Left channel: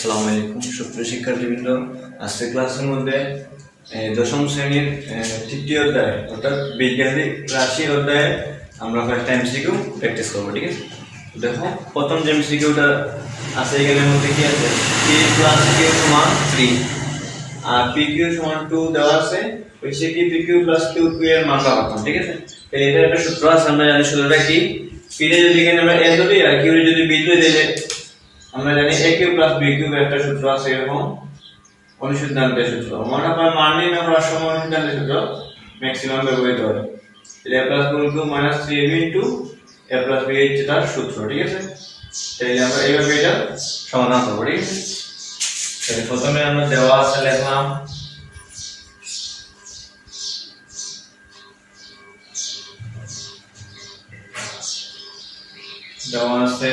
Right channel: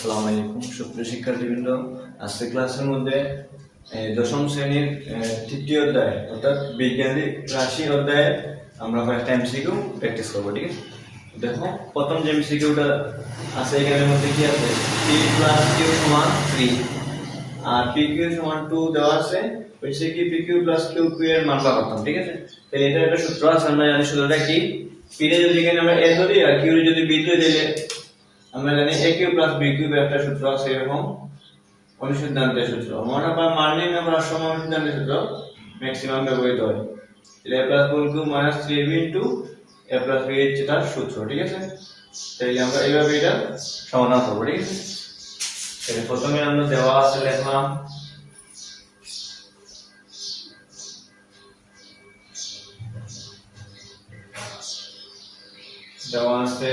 আসসালামু আলাইকুম সুপ্রিয় শিক্ষার্থীবৃন্দ। আজকে ক্লাসের মধ্যে দশম শ্রেণীর তৃতীয় অধ্যায় অর্থাৎ বিজ্ঞানিক রাশি অধ্যায়ে আমরা কয়েকটা এমসিকিউ প্র্যাকটিস করবো। ঠিক আছে, দেখো প্রথম যে এমসিকিউটা আছে এখানের মধ্যে কি আছে, পি প্লাস কিউ সমান 3 আর পি কিউ সমান 2 দেওয়া আছে। হচ্ছে কি পি কিউ প্লাস কিউ এর মান পাবো। ঠিক আছে, তাহলে এটা একটা সূত্র আছে, আমরা জানি সূত্রটা কি, পি রে যদি এখানে আমরা এ ধরি আর কিউ রে যদি বি ধরে দিলে আমরা জানি a cube plus b cube একটা সূত্র আছে, এরকম অনুসিদ্ধান্তের সূত্র। মনে হয় মান নির্ণয় করার সময় অনুসিদ্ধান্তের সূত্র ম্যাক্সিমাম ব্যবহৃত হয়। তাহলে a plus b cube minus 3ab into a plus b হচ্ছে তার সূত্র। ঠিক আছে, তাহলে আমরা এইভাবে এটা সমাধান করব। ঠিক আছে, তাহলে প্রথমে আমরা দেওয়া আছে লিখলাম দেওয়া আছে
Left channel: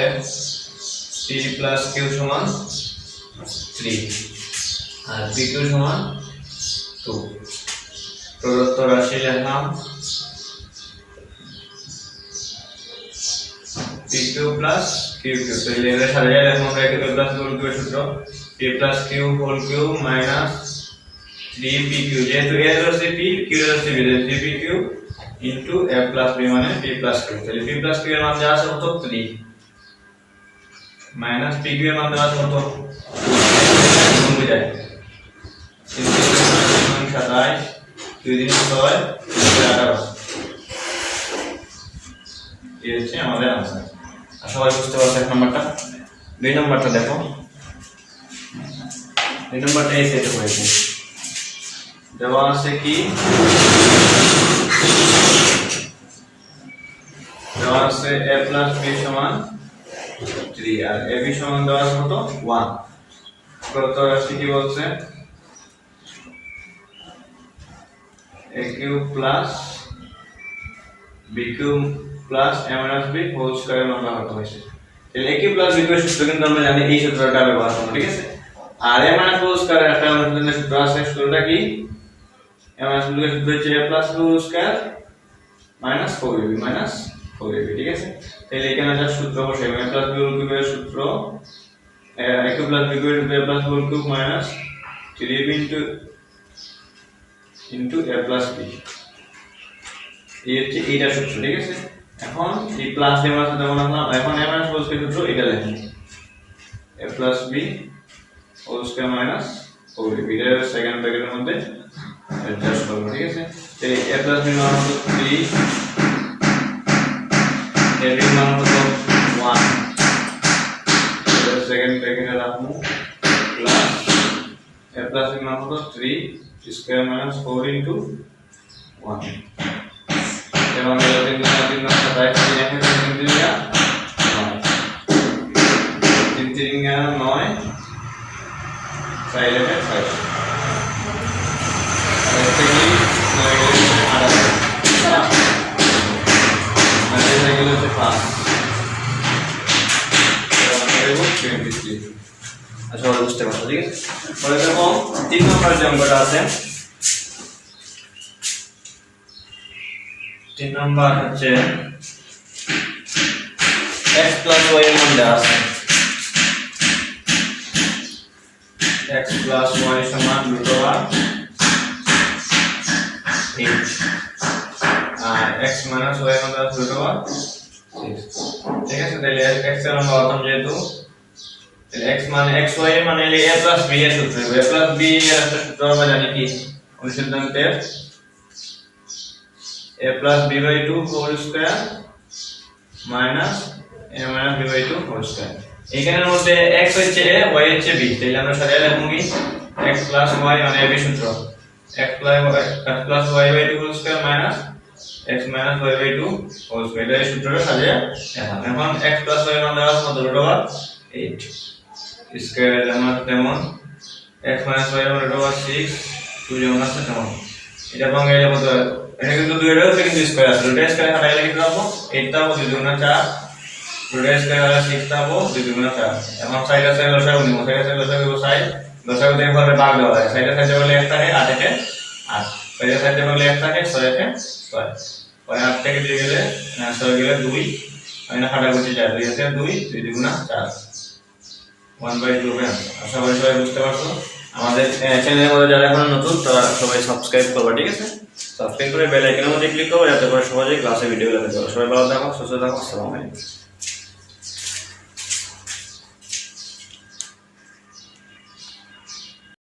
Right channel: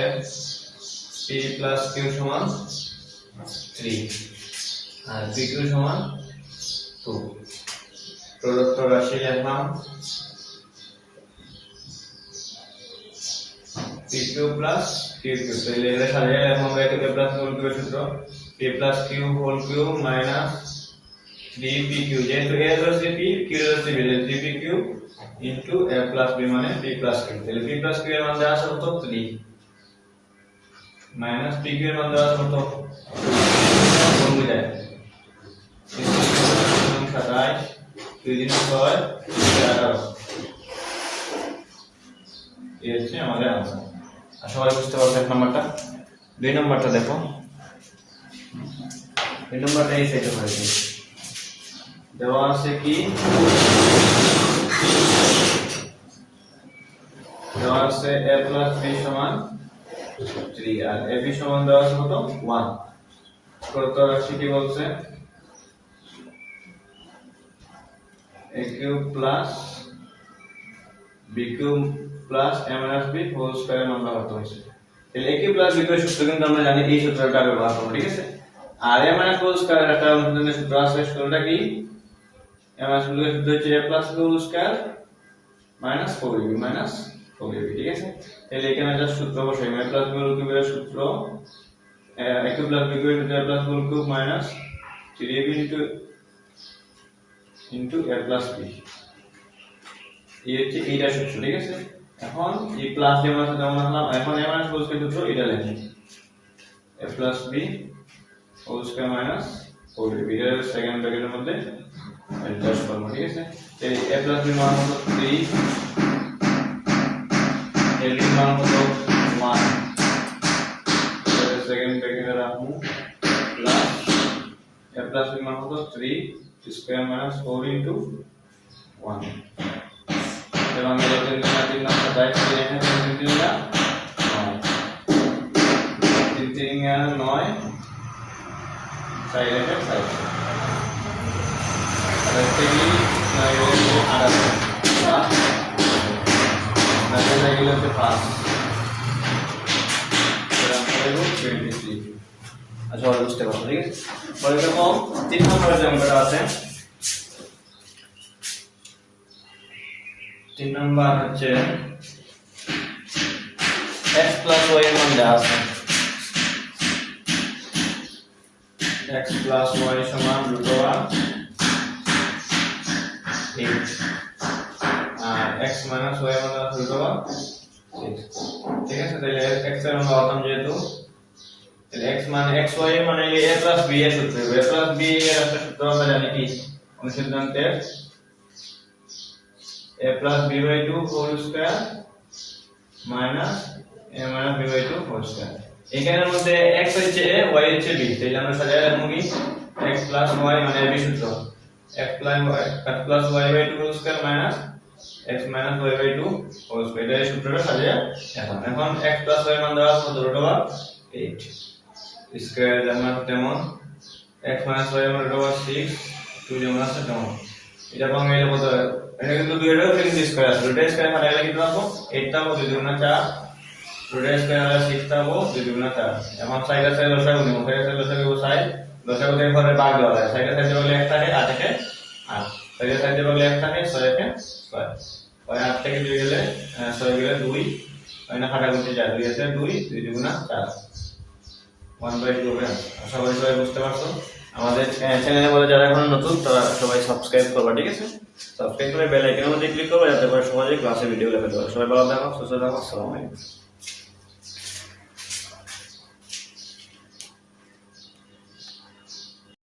p plus q সমান 3 আর pq সমান 2। প্রদত্ত রাশি লিখলাম pq plus qq। তাহলে এর সাথে লিখলাম আমরা pq plus qq এর সূত্র p plus q whole cube minus 3pq, যেহেতু a এর হচ্ছে p, q এর হচ্ছে b, 3pq into a plus b মানে p plus q। তাহলে p plus q এর মান দেওয়া আছে কত 3 মাইনাস পি কিউ এর মান দেওয়া আছে কত, কমে যায় 27 2 দিন 6 11। এই হচ্ছে আমাদের आंसर। আর সবাই বুঝতে পারছো এক নাম্বারটা। দুই নাম্বারটা দেখো, দুই নাম্বারটা এই সেট হয়েছে, দেওয়া আছে কি, দেওয়া আছে a plus b সমান 3 আর ab সমান দেওয়া আছে কত 1। প্রদত্ত রাশি কি বলছে, a cube plus b cube plus a minus b whole square মান কত হয়েছে। তাহলে a cube plus b cube সূত্র কিন্তু আমরা জানি, এই সূত্রটা ব্যবহার করব। ঠিক আছে, আর a minus b whole square একটা অনুসন্ধানের সূত্র আছে, সূত্রটা কি, a মাইনাস b এর সূত্র হচ্ছে a plus b whole square minus 4ab minus 4ab। ঠিক আছে, তাহলে এখানে যা সূত্র বসে a প্লাস b হোল কিউবের সূত্র a কিউব প্লাস b কিউবের সূত্র a plus whole cube minus 3ab into a plus b, এই হচ্ছে এইটা সূত্র। ঠিক আছে, এখন এই প্লাস এর সাথে আমরা এখন a মাইনাস হোল স্কয়ার সূত্র এটা লিখি a plus b whole square minus 4ab, এটা সেকেন্ড ব্র্যাকেটের মধ্যে অ্যাডজাস্ট করব। ঠিক আছে, তাহলে a প্লাস b মান হলো 3, a b মান হলো 1, এটা সেকেন্ড ব্র্যাকেটে রাখবো প্লাস a প্লাস b মান হলো 3 স্কয়ার মাইনাস 4 ইনটু 1 এবং এটা 3 3 না 7 3 এখানে 3 3 না 9 3 3 না 9 5 এর 5 আর 3 9 এর 8 মানে এটা গেল হচ্ছে 5 এবং 23। আচ্ছা আমরা বুঝতে পারছি। ঠিক আছে, পরে দেখো 3 নম্বরের যে অঙ্কটা আছে, 3 নম্বর হচ্ছে x plus y এর মান দেওয়া আছে, x plus y সমান √8 আর x minus y মান দেওয়া আছে √6। ঠিক আছে, তাহলে x এর মান বলতাম যেহেতু x মানে xy মানে a plus b এর সূত্র, a plus b এর একটা সূত্র আমরা জানি কি, অনুসিদ্ধান্তের a plus b by 2 whole square minus a minus b by 2 whole square। এখানের মধ্যে x হচ্ছে a, y হচ্ছে b, তাহলে আমরা সাজিয়ে লিখব কি x plus y মানে b সূত্র x plus y by 2 whole square minus x minus y by 2 whole square, এই সূত্রটা সাজিয়ে এখন x plus y মান দেওয়া আছে √8 স্কয়ার যেমন x minus y মান √6 2 যেমন আছে তেমন এটা ভাঙাইলে কত হয়, এটা কিন্তু দুইটা হচ্ছে কিন্তু স্কয়ার আছে, দুইটা স্কয়ার হারাইলে কি পাবো 8 টা হবে 2 গুণ 4, দুইটা স্কয়ার হলে 6 টা হবে 2 গুণ 4। এখন সাইডে সাইডে লসাগু নিব, সাইডে সাইডে লসাগু নিব, সাইড লসাগু থেকে হলে ভাগ দেওয়া হয়, সাইডে সাইডে হলে 1 থাকে 8 এ 8, সাইডে সাইডে হলে 1 থাকে 6 এ 6, ওই 8 থেকে দিয়ে গেলে 6 গেলে 2 মানে হাঁটাগুটি যায় 2 আছে 2 2 গুণ 4 1/2 হবে। আশা করি সবাই বুঝতে পারছো। আমাদের চ্যানেলের মধ্যে যারা এখন নতুন তারা সবাই সাবস্ক্রাইব করবে, ঠিক আছে? সাবস্ক্রাইব করে বেল আইকনের মধ্যে ক্লিক করবে যাতে করে সহজে ক্লাসে ভিডিও পেতে পারো। সবাই ভালো থাকো, সুস্থ থাকো, আসসালামু আলাইকুম।